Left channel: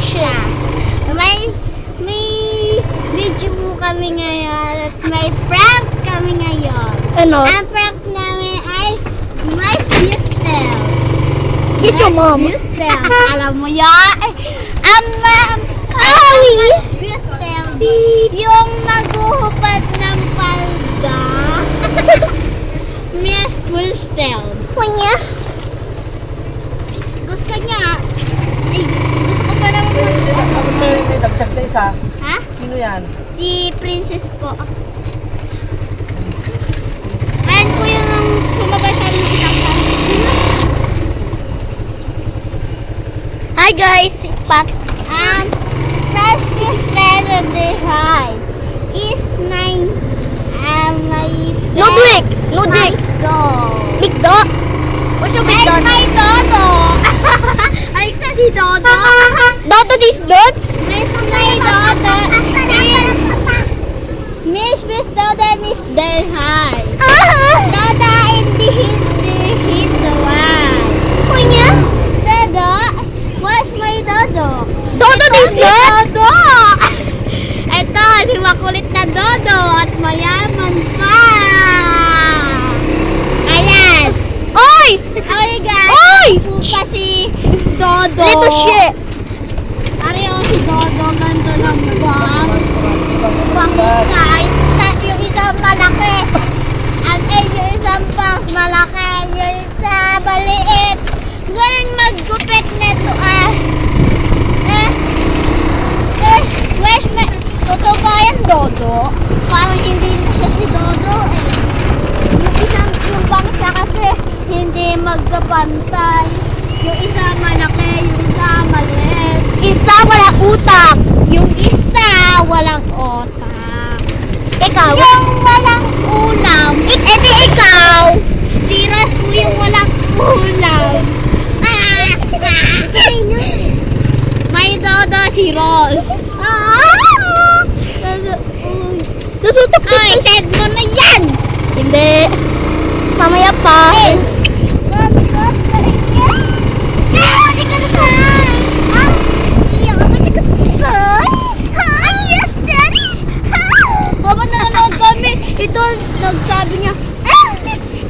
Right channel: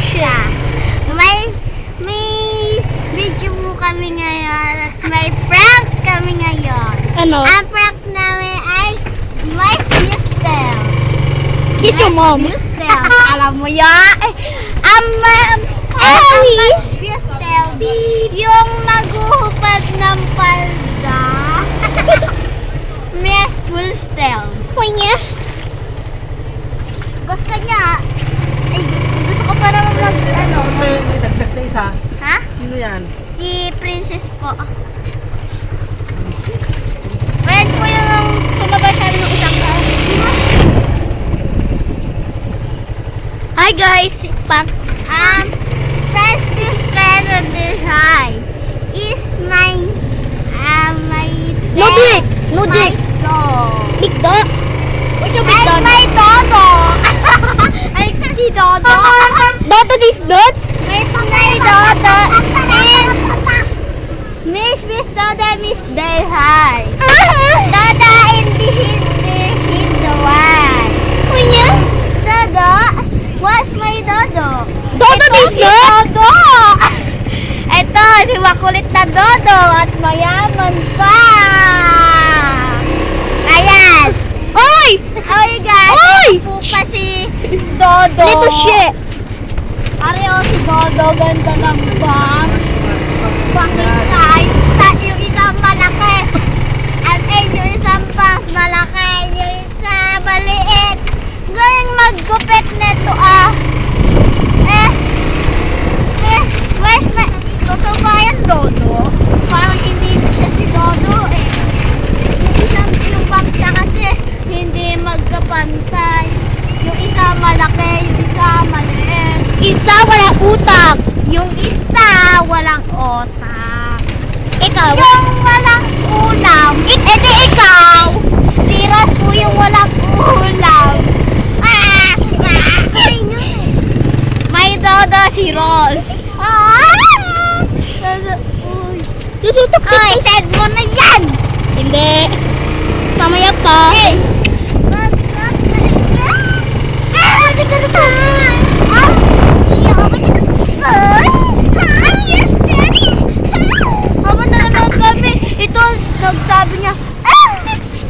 siya. May video mo kami ngayon at may prank kami ngayon. Ano? Ang prank namin ay Miss Bustel. Kiss your mom. Bustel. Alam mo yan? Ang Miss Bustel, yung maghuhupad ng palda. Miss Bustel. Kunya. Gusto niya, gusto ko pa naman Dagdag na isa. Ha? Sino yan? Si Princess po. Friend ko yung sumabay sa amin ng isang taon. Hi guys, si Pat. First friend on the high is my Nudlik. Nudlik. nice dog. Big dog. What's your big Ay, dog? my Dodo. Alexa, si Dodo. Dodo these nuts? Miss my Dodo. Miss Dodo, Miss Del High. Dodo, hindi the one. Kunya. Dodo, what's my Dodo? Dodo these nuts? Dodo! Ito, si makulit na Dodo at mayaman pa. Ayan. Oy! Oy guys, Oy! po pa si Dodo. Little shit. Ari o si Dodo, ganda ng bang. Pangkay. Yung isang malaki. At yung isang pas malaki. Yung isa maliit. Ngayon maggupit nito where's my... Totoo ba yan, Dodo? Parang hindi na siya si Dodo yung bangsa kasi hindi magkapantay. Yung isa malaki, yung isa maliit. Isa wala utak. Yung isa walang otak. Ikaw. Yung walang ulam. Ito ikaw. Si Ross po yung walang ulam. May Dodo si Ross. Susutok ka. Ay, send mo na yan! Hindi. Mamaya pa. Pwede ka na saan? Pwede ka na saan? Yes, Daddy! Habang nanonood kami, ito nagsabi niya,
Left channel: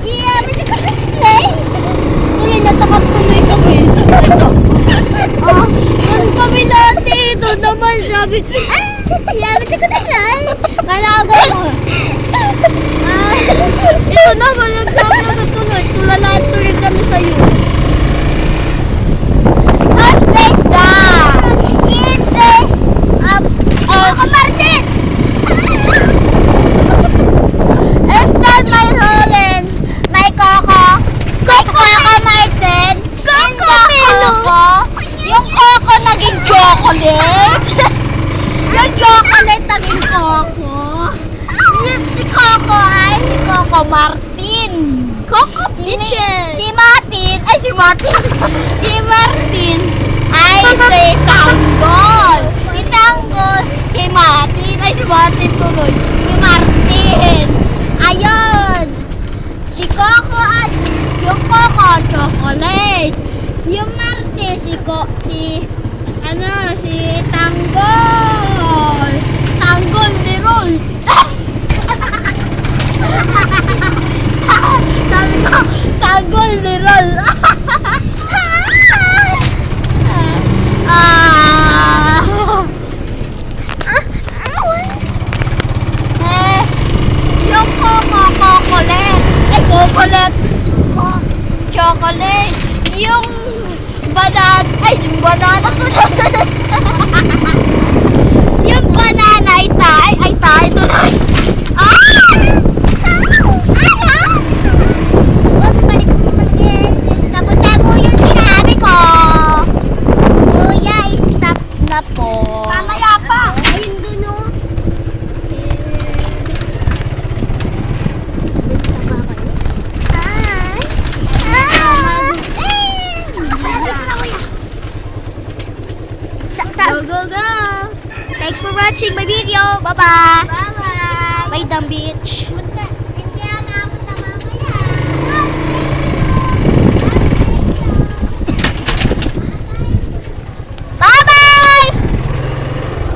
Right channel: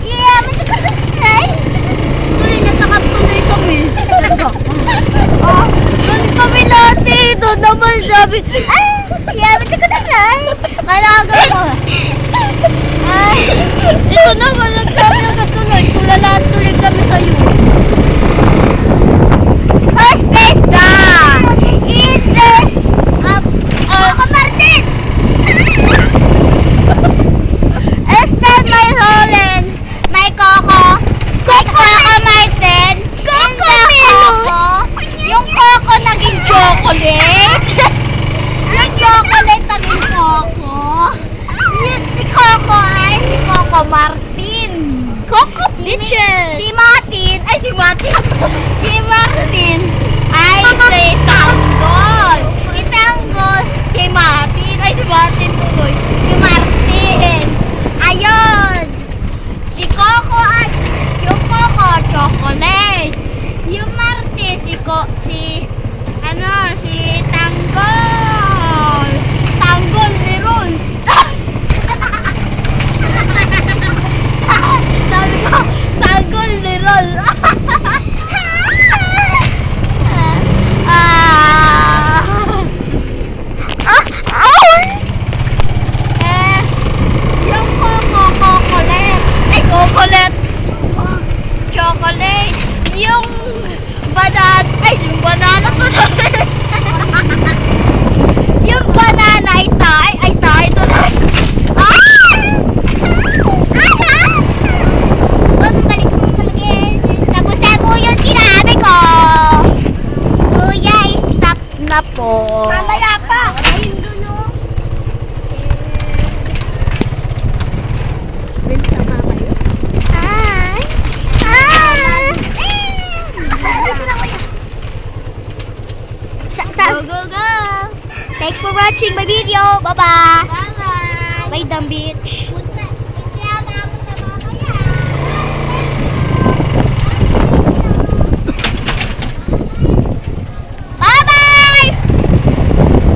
yeah, pwede ka na saan? Tuloy, natakap tuloy kami. Ang kami natin, ito naman sabi, yeah, pwede ka na saan? Kailangan mo. Ito naman, nagsabi na tuloy. Tulala tuloy kami sa'yo. First place down. It's the Coco Martin. Estelle, my Hollands, my Coco, Coco Martin, Coco Melo. Yung Coco naging chocolate. Yung chocolate naging Coco. Yung si Coco ay si Coco Martin. Coco Bitches. Si Martin ay si Martin. Si Martin ay si Tanggol. Si Tanggol, si Martin ay si Martin tuloy. Si Martin. Ayun. Si Coco at yung Coco chocolate. Yung Martin si Tanggol. Tanggol Leron. Sabi ko, Tanggol Leron. Yung chocolate. Yung banana to. Yung banana ay tayo tuloy. Tapos na po yung sinabi ko. Kuya, stop na po. Mamaya pa. Ayun doon o. Go, go, go. Thanks for watching my video. Bye-bye. Bye-bye. Bye, dumb bitch.